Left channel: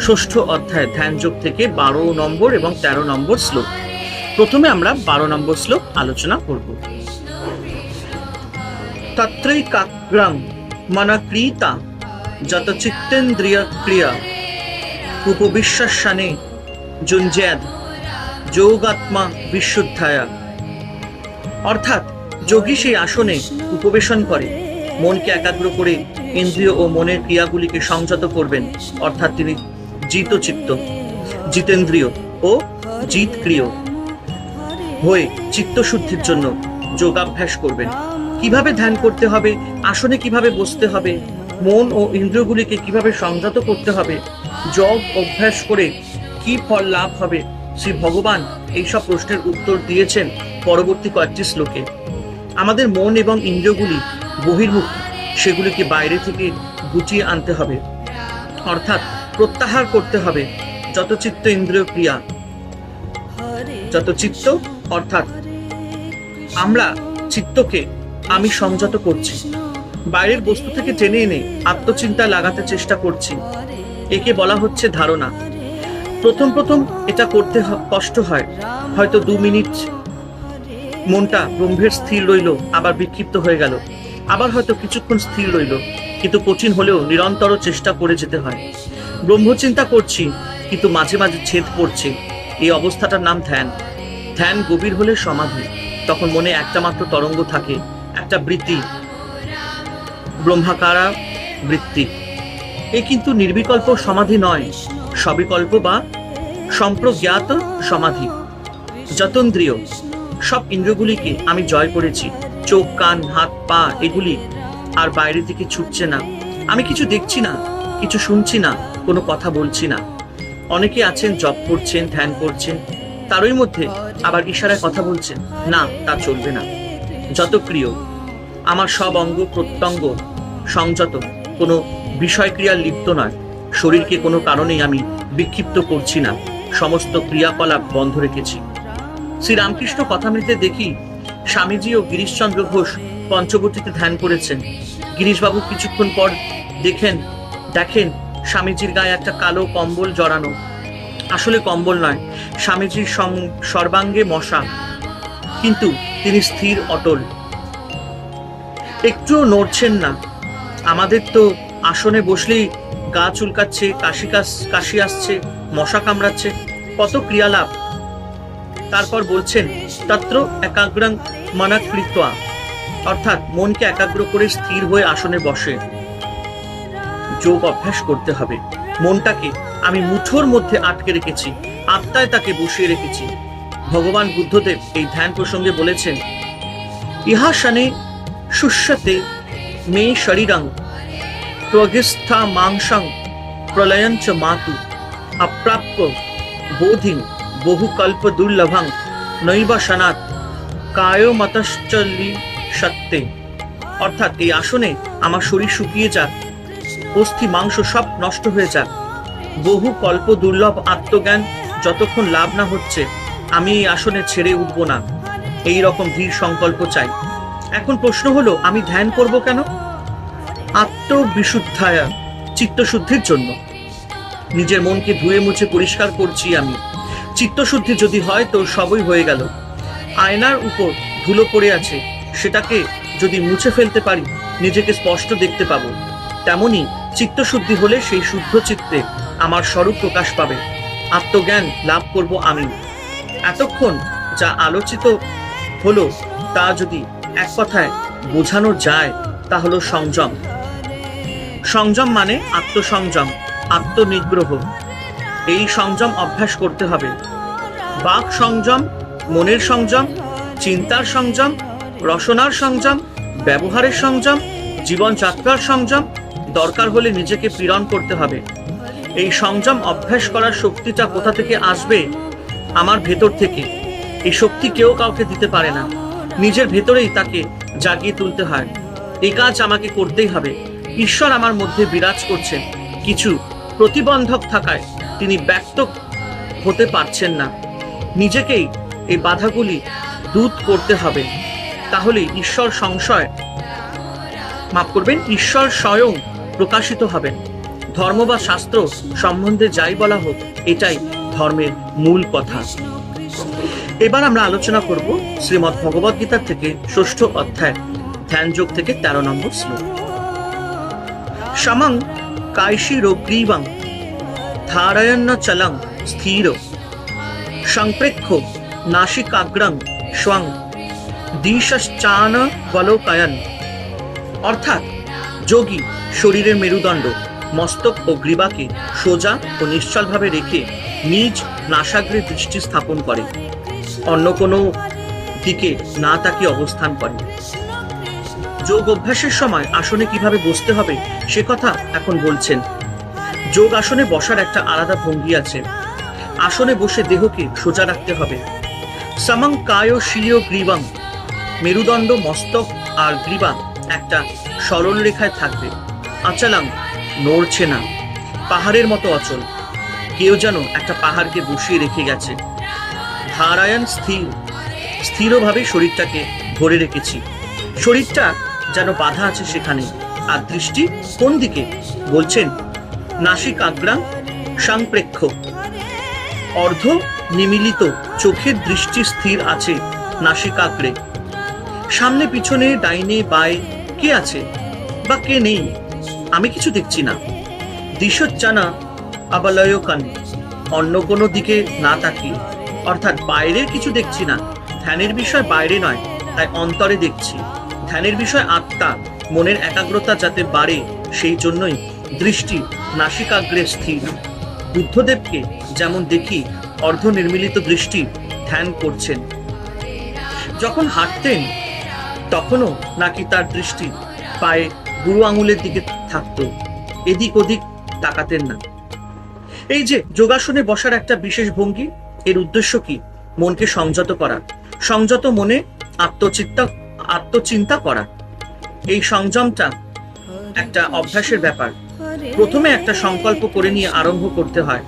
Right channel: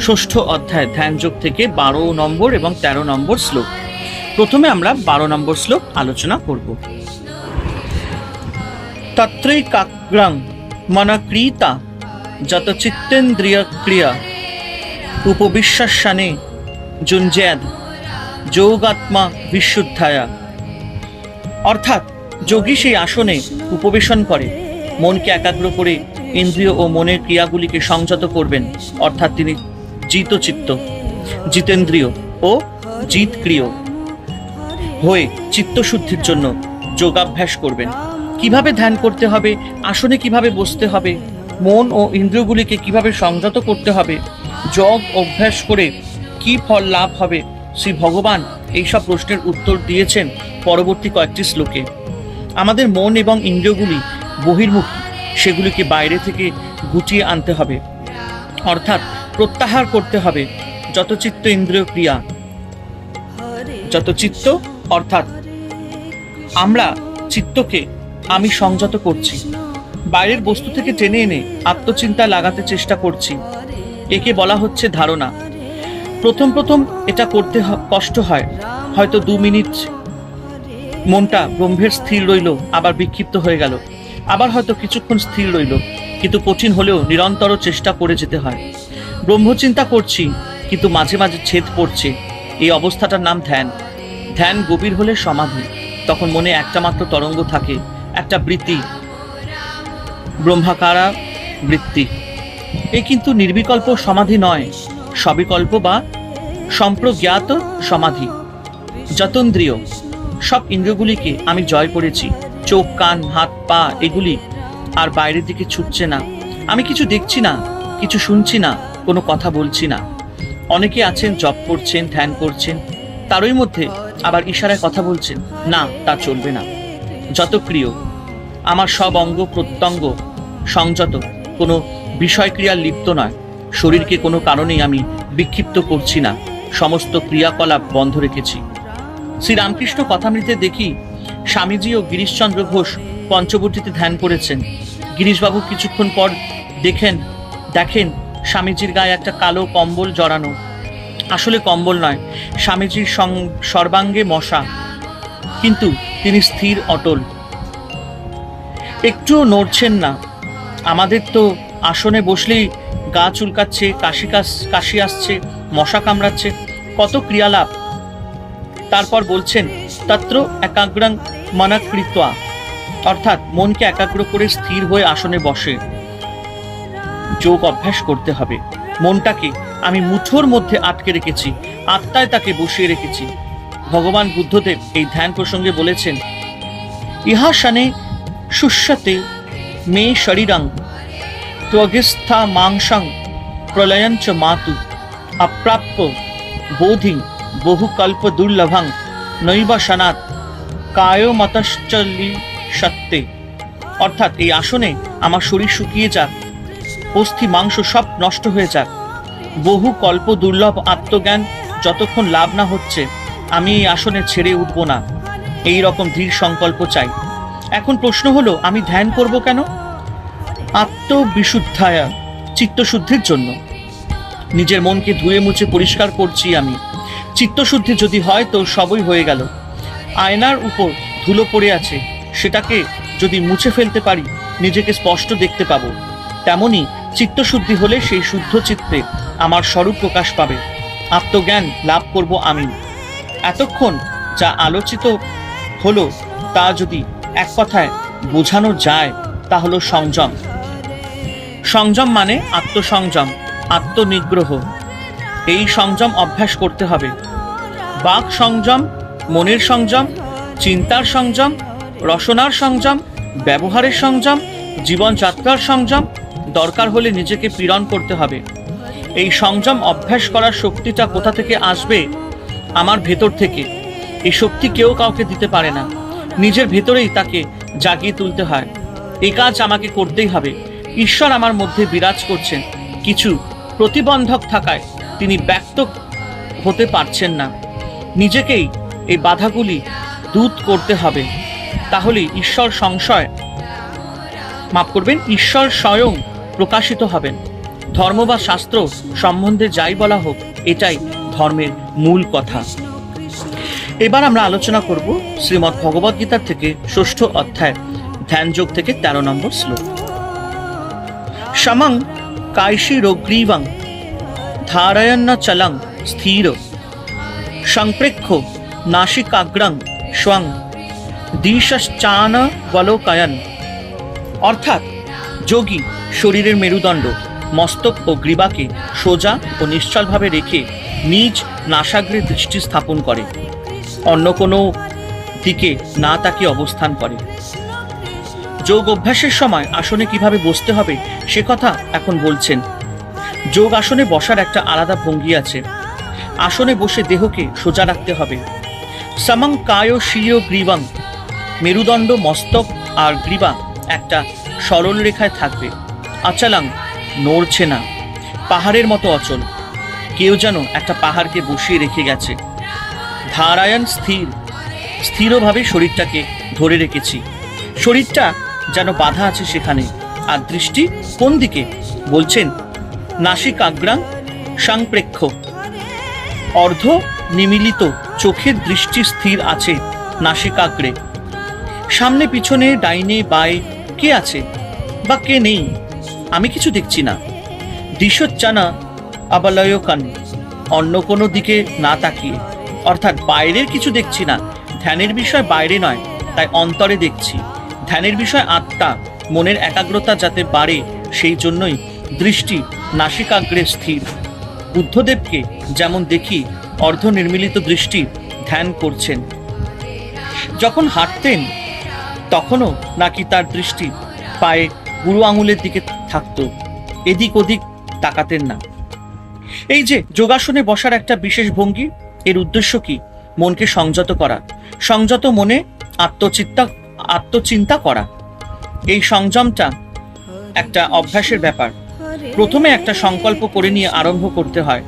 ষষ্ঠ অধ্যায় ধ্যান যোগ থেকে বারো নম্বর এবং তেরো নম্বর শ্লোক। প্রথমে আমরা বারো নম্বর শ্লোক আলোচনা করব। তত্রৈ কাগ্রাং মনক্রীতা যত চিত্তেন্দ্রিয় ক্রিয়া উপবিশ্বাসানে যুঞ্জ্যাদ যোগাত্মা বিশুদ্ধায়া। অর্থাৎ যোগী সেই আসনে উপবেশন করে, মনকে একাগ্র করে ইন্দ্রিয় ও মনের ক্রিয়াগুলিকে সংযত করবেন। অর্থাৎ তিনি জিতচিত্ত জিতেন্দ্রিয় ও জিতক্রিয় হয়ে চিত্তশুদ্ধির জন্য যোগাভ্যাস করবেন। কীভাবে ধ্যান করতে হবে, আসনে কীভাবে বসতে হবে, মন ও ইন্দ্রিয়গুলিকে কীভাবে সংযত করতে হবে, যোগ অভ্যাস করে কি ফল লাভ হবে, শ্রী ভগবান এইসব প্রশ্নের উত্তর দিয়েছেন পরবর্তী কয়েকটি শ্লোকে। আমাদের মন এবং ইন্দ্রিয়গুলি বহির্মুখ, সেগুলিকে বাইরে থেকে গুটিয়ে আনতে হবে। অর্থাৎ প্রত্যাহার করতে হবে। যত চিত্ত ইন্দ্রিয় ক্রিয়া, যত চিত্ত, অর্থাৎ আমরা চিত্তকে আমি সংযত করছি। বাইরের বস্তু থেকে টেনে এনে আত্মচিন্তা লাগাতে চেষ্টা করছি। একে বলা হচ্ছে ধারণা। প্রথম প্রথম এটা করতে কষ্ট হয়। হয়তো দু মিনিট মনটা গম্ভীর স্থির রইল, আবার বিক্ষিপ্ত হয়ে গেল। আবার হয়তো কিছুক্ষণ স্থির রইল, কিন্তু কঠিন হলেও নিরন্তর চেষ্টা করে যেতে হয়। ব্রহ্মচিন্তা করছি, কিন্তু মাঝে মাঝে ছেদ পড়ছে। এই অবস্থাটার নাম ধ্যান। ধ্যান গভীর হলে সমাধি। তখন মনে একটা মাত্র তরঙ্গ থাকে, একটা বৃত্তি। ব্রহ্মাকারা বৃত্তি। এ কিন্তু নির্বিকল্প সমাধি নয়, সবিকল্প বা সম্প্রজ্ঞাত সমাধি। যতন্দ্রিয়, সব ইন্দ্রগুলিকে আমি জয় করেছি। চোখ, কান, হাত, পা, এগুলি আর বাইরের দিকে ছুটছে না। আমি কিছু দেখছি না, কিছু শুনছি না। কোনো কথা বলছি না। অনেকে আছেন জপ করছেন, ধ্যান করছেন, তারই মধ্যে আবার ইশারায় কথা বলছেন। না, তা চলবে না। যত প্রিয়, আমার সব অঙ্গ প্রত্যঙ্গ সংযত, কোনো বিষয়ক্রিয়া লিপ্ত নয়। শরীরকে কোনো কারণেই আমি বিক্ষিপ্ত করছি না। সমস্ত ক্রিয়াকলাপ বন্ধ রেখেছি। শ্রী রামকৃষ্ণ কথামৃতে দেখি, স্বামীজি ও গিরিশচন্দ্র ঘোষ পঞ্চবটিতে ধ্যান করেছেন। গিরিশবাবু কিছুক্ষণ পর দেখেন দেখেন স্বামীজির গায়ে একটা কালো কম্বল জড়ানো। আসলে কম্বল নয়, স্বামীজির সর্বাঙ্গে মশা। কিন্তু তিনি স্থির, অটল। একটুও নড়ছেন না। আমাদের তো আসনে বসলেই গা চুলকাচ্ছে কাশি, কাশ- আসছে, মশা কামড়াচ্ছে, কত ক্রিয়ালাপ। তারপর বলছেন, তত্র একাগ্রাং মনাকৃত্বা। অর্থাৎ মনকে একাগ্র করে স্থির হয়ে আসনে বসে। যোগ অভ্যাস করতে হবে। মনটাকে আমি মুঠোর মধ্যে আটকে রেখেছি, আত্মায় তাকে বসিয়ে রেখেছি। ভগবান বুদ্ধদেব এই ধ্যান প্রসঙ্গে বলেছেন, ইহা শানে শুষ্যতে মে শরীরং ত্বগিস্থা মাংসাং প্রলয়ঞ্চ মাতু অপ্রাপ্য বোধিং বহুকল্প দুর্লভং নৈবা সনাত কায় মতশ্চলি সত্যে অর্থাৎ এই আসনে আমার শরীর শুকিয়ে যাক অস্থি মাংস সব নষ্ট হয়ে যাক। বহু কল্প দুর্লভ আত্মজ্ঞান যতক্ষণ লাভ না হচ্ছে, আমি এই আসনে ছেড়ে উঠব না। এই রকম ধীর সংকল্প চাই। এখন প্রশ্ন হলো, আমি ধ্যান করব কেন? আত্মবিশুদ্ধায়া, চিত্তশুদ্ধির জন্য। নিজের মনকে ধুয়ে মুছে পরিষ্কার করছি আমি। চিত্তশুদ্ধি যদি হয় তো সবই হয়ে গেল। আয়নার উপর ধুলো পড়ে আছে। সেটাকে যদি মুছে ফেলতে পারি, নিজেকে স্পষ্ট দেখতে পাবো। তেমনি চিত্তশুদ্ধি হলে সেই শুদ্ধ চিত্তে আমার স্বরূপ প্রকাশ পাবে। আত্মজ্ঞান লাভ করব আমি। এতক্ষণ যা আলোচিত হলো তা যদি এক কথায় বোঝানো যায়, তা হলো সংযম। সংযম মানে আত্মসংযম, আত্মনিগ্রহ। এই সংযম অভ্যাস করতে হবে। বাক সংযম, মনের সংযম, চিন্তার সংযম রসনার সংযম, ব্যবহারের সংযম, জীবনযাত্রার সংযম দরকার হলে নিজেকে পীড়ন করতে হবে। এই সংযম অভ্যাস করার শক্তিটা কোথা থেকে আসবে? আমার ভেতর থেকে। এই শক্তি কেউ কাউকে দিতে পারে না। নিজের ভেতরেই তাকে জাগিয়ে তুলতে হয়। এই কাজ আমাকে করতেই হবে। ঈশ্বর আমার মধ্যে বিরাজ করছেন। কিছু প্রতিবন্ধক থাকায় তিনি ব্যক্ত হতে পারছেন না। নিজেকেই এই বাধাগুলি দূত করতে হবে। তাহলে ঈশ্বর সংশয় মাফ করবেন, ঈশ্বর স্বয়ং প্রকাশিত হবেন। ধর্ম বা শাস্ত্র সম্বন্ধে যাই বলা হোক, এটাই ধর্মের মূল কথা। এবার আমরা আলোচনা করব শ্রীমৎ ভগবদ গীতার থেকে ষষ্ঠ অধ্যায়, ধ্যানযোগ থেকে তেরো নম্বর শ্লোক। সমং কাইশী রোগ্রীবং, ধারয়ন্ন চলং স্থির, সংপৃক্ষ নাসিকাগ্রং স্বং দিশশ্চান বলোকয়ন অর্থাৎ যোগী শরীরের মেরুদণ্ড, মস্তক ও গ্রীবাকে সোজা ও নিশ্চলভাবে রেখে নিজ নাসাগ্রে দৃষ্টি স্থাপন করে। অন্য কোনো দিকে না তাকে অবস্থান করে। যোগ অভ্যাসের সময় আসনে কীভাবে বসতে হবে সে কথা এখন বলছেন। যোগ আসনে বসার একটা আলাদা ভঙ্গি আছে। আসনে বসে দেহকে সোজা রাখতে হবে। সমং কায় শির গ্রীবাং। মেরুদণ্ড, মস্তক আর গ্রীবা একটা সরল রেখায় থাকবে। অচলাং নড়ছে না। পাহাড়ের মতো অচল। কেউ যেন একটা পাহাড়কে বসিয়ে রেখে গেছে। ধারায়ণ স্থির। স্থিরভাবে শরীরটাকে ধরে রেখেছি। শরীরটা যেন বাধা আছে সেখানে। আর দৃষ্টি কোন দিকে? বলছেন নাসিক আগ্রাম সংপ্রেক্ষ। অর্ধ নিমিলিত চোখের দৃষ্টি স্থির আছে নাসিকাগ্রে সামনে পিছনে ডাইনে বায়ে কে আছে? বা কে নেই? আমি কিছু দেখছি না। দিশচ্চানা আবালয়কান অন্য কোনো দিকে না তাকিয়ে। অর্থাৎ বাইরের কিছু দেখছি না। ধ্যানের বিষয় বাইরে নয়, তাই অন্তরে দেখছি। ধ্যানের বিষয় আত্মা, মনের একাগ্রতা যাতে বাড়ে, সেই জন্যই দৃষ্টি নাসিকাগ্রে স্থির। বুদ্ধদেবকে যেমন দেখি অর্ধ নির্মিলিত দৃষ্টি ধ্যান করছেন। যখন হাঁটতেন, তখনও নাকি তার দৃষ্টি পায়ে বুড়ো আঙুলের দিকে থাকতো। এদিক ওদিক তাকাতেন না। এই যে যোগাসনে বসার একটা বিশেষ ভঙ্গি, এর উদ্দেশ্য কি? মনকে সংযত করা। সংযত মনে আত্মচিন্তা আত্মচিন্তা করা। এই সংযমটা একটা অভ্যাসের ব্যাপার। প্রথমে একটা সংকল্প করে নিয়ে আরম্ভ করতে হয়।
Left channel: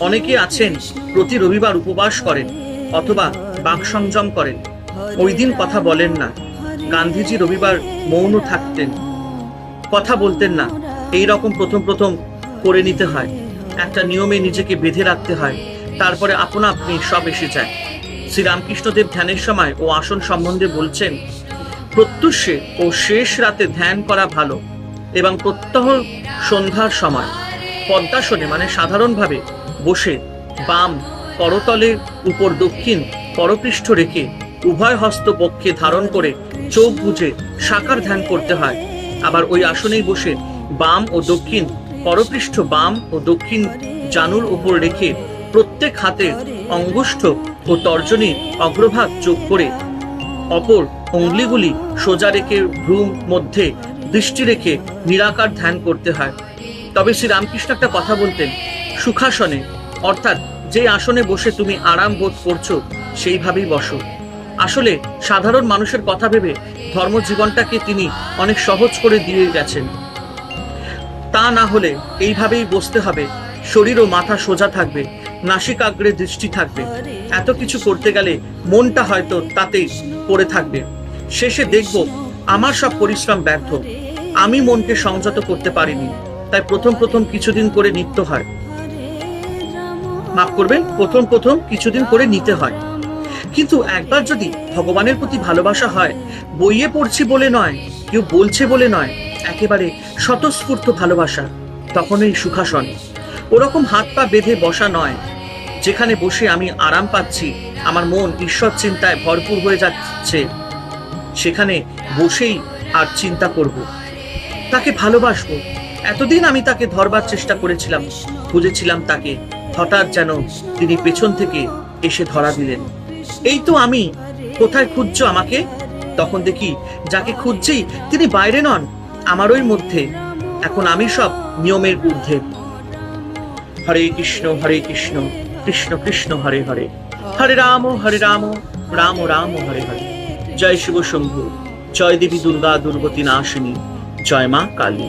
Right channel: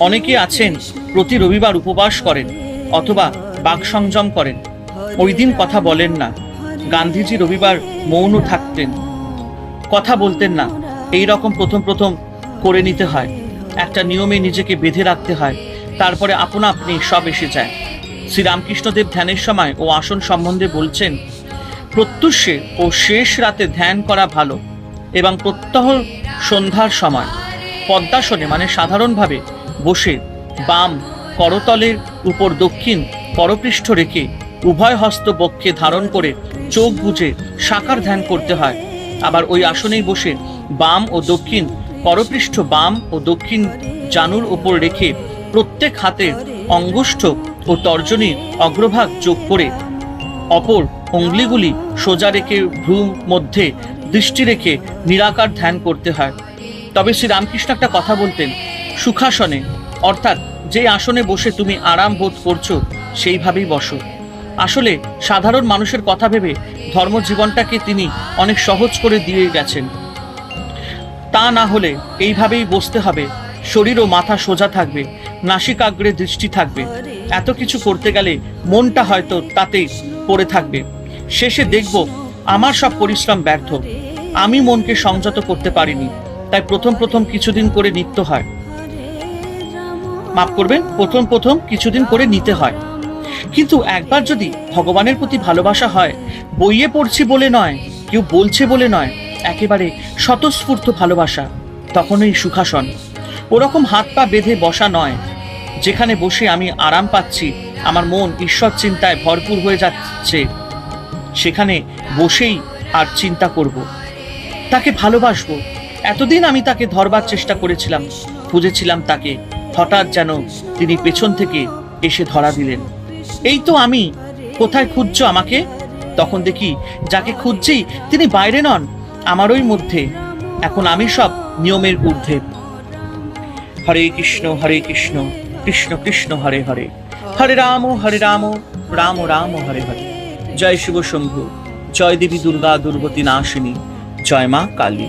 অনেকে আছেন, প্রতি রবিবার উপবাস করেন অথবা বাক সংযম করেন। ওই দিন কথা বলেন না। গান্ধীজি রবিবার মৌন থাকতেন। কথা বলতেন না। এই রকম প্রথম প্রথম করে নিতে হয়। একটা নিয়মে নিজেকে বেঁধে রাখতে হয়। তারপরে আপনা আপনি সব এসে যায়। শ্রীরামকৃষ্ণদেব ধ্যানের সময় ও আসন সম্বন্ধে বলছেন, প্রত্যুষে ও শেষ রাতে ধ্যান করা ভালো এবং প্রত্যহ সন্ধ্যার সময়। পদ্মাসনে মানে সাধারণভাবে বসে বাম করতলের উপর দক্ষিণ করপৃষ্ঠ রেখে উভয় হস্ত বক্ষে ধারণ করে চোখ বুজে সাকার ধ্যান করতে হয়। আবার ওই আসনেই বসে বাম ও দক্ষিণ করপৃষ্ঠ বাম ও দক্ষিণ জানুর উপর রেখে প্রত্যেক হাতে অঙ্গুষ্ঠ ও তর্জনীর অগ্রভাগ যোগ করে অপর অঙ্গুলিগুলি সোজা রেখে ভ্রুম মধ্যে দৃষ্টি রেখে নিরাকার ধ্যান করতে হয়। তবে শ্রী রামকৃষ্ণ একটা কথা বলতেন, সুখাসনে, অর্থাৎ যে আসনে বসে তুমি আরাম বোধ করছ, সেইভাবেই বসো। আসলে সাধারণ মানুষের কথা ভেবে ধর্মজীবনটাকে তিনি অনেক সহজ করে দিয়ে গেছেন। তা না হলে এইভাবেই বসতে হবে। শরীর ও মাথা সোজা থাকবে নাসিকাগ্রে দৃষ্টি থাকবে। এত কিছু করতে গেলে মনটা হয়তো তাতেই পড়ে থাকবে। শেষে দেখব আমার সব পরিশ্রম ব্যর্থ। আমি মনকে সংযত করতে পারিনি, তাই প্রথম প্রথম কিছুদিন করে নিত্য হয়। মাফ করবেন, প্রথম প্রথম কিছুদিন করে নিতে হয়। কিন্তু একবার যদি ভগবানের প্রতি ভালোবাসা হয়, বইয়ে পড়ছি বলে নয়, কেউ বলছে বলে নয়, একেবারে স্বতঃস্ফূর্ত ভালোবাসা, তখনই সুখাসন। ওরকম হাত পা বেঁধে বসা নয়, যেখানে বসে আমি আরাম পাচ্ছি, আমার মন ঈশ্বর চিন্তায় ভরপুর হয়ে যাচ্ছে, সেখানে বসেই আর চিন্তা করব। তাকে ভালোবাসবো, এতদিন আমি তাকে ধরবার চেষ্টা করেছিলাম, খুঁজেছিলাম তাকে, হঠাৎ যেন তিনি পেছন থেকে এসে ধরা দিলেন। এই তো আমি। কোথায় খুঁজছো আমাকে? তখন দেখি যাকে খুঁজছি তিনি বাইরে নন, আমারই মধ্যে। এখন আমি সব নিয়মের ঊর্ধ্বে। হরে কৃষ্ণ হরে কৃষ্ণ কৃষ্ণ কৃষ্ণ, হরে হরে। হরে রাম হরে রাম রাম রাম, হরে হরে। জয় শিব শম্ভু, জয় দেবী দুর্গা, দুর্গতি নাশিনী, জয় মা কালী।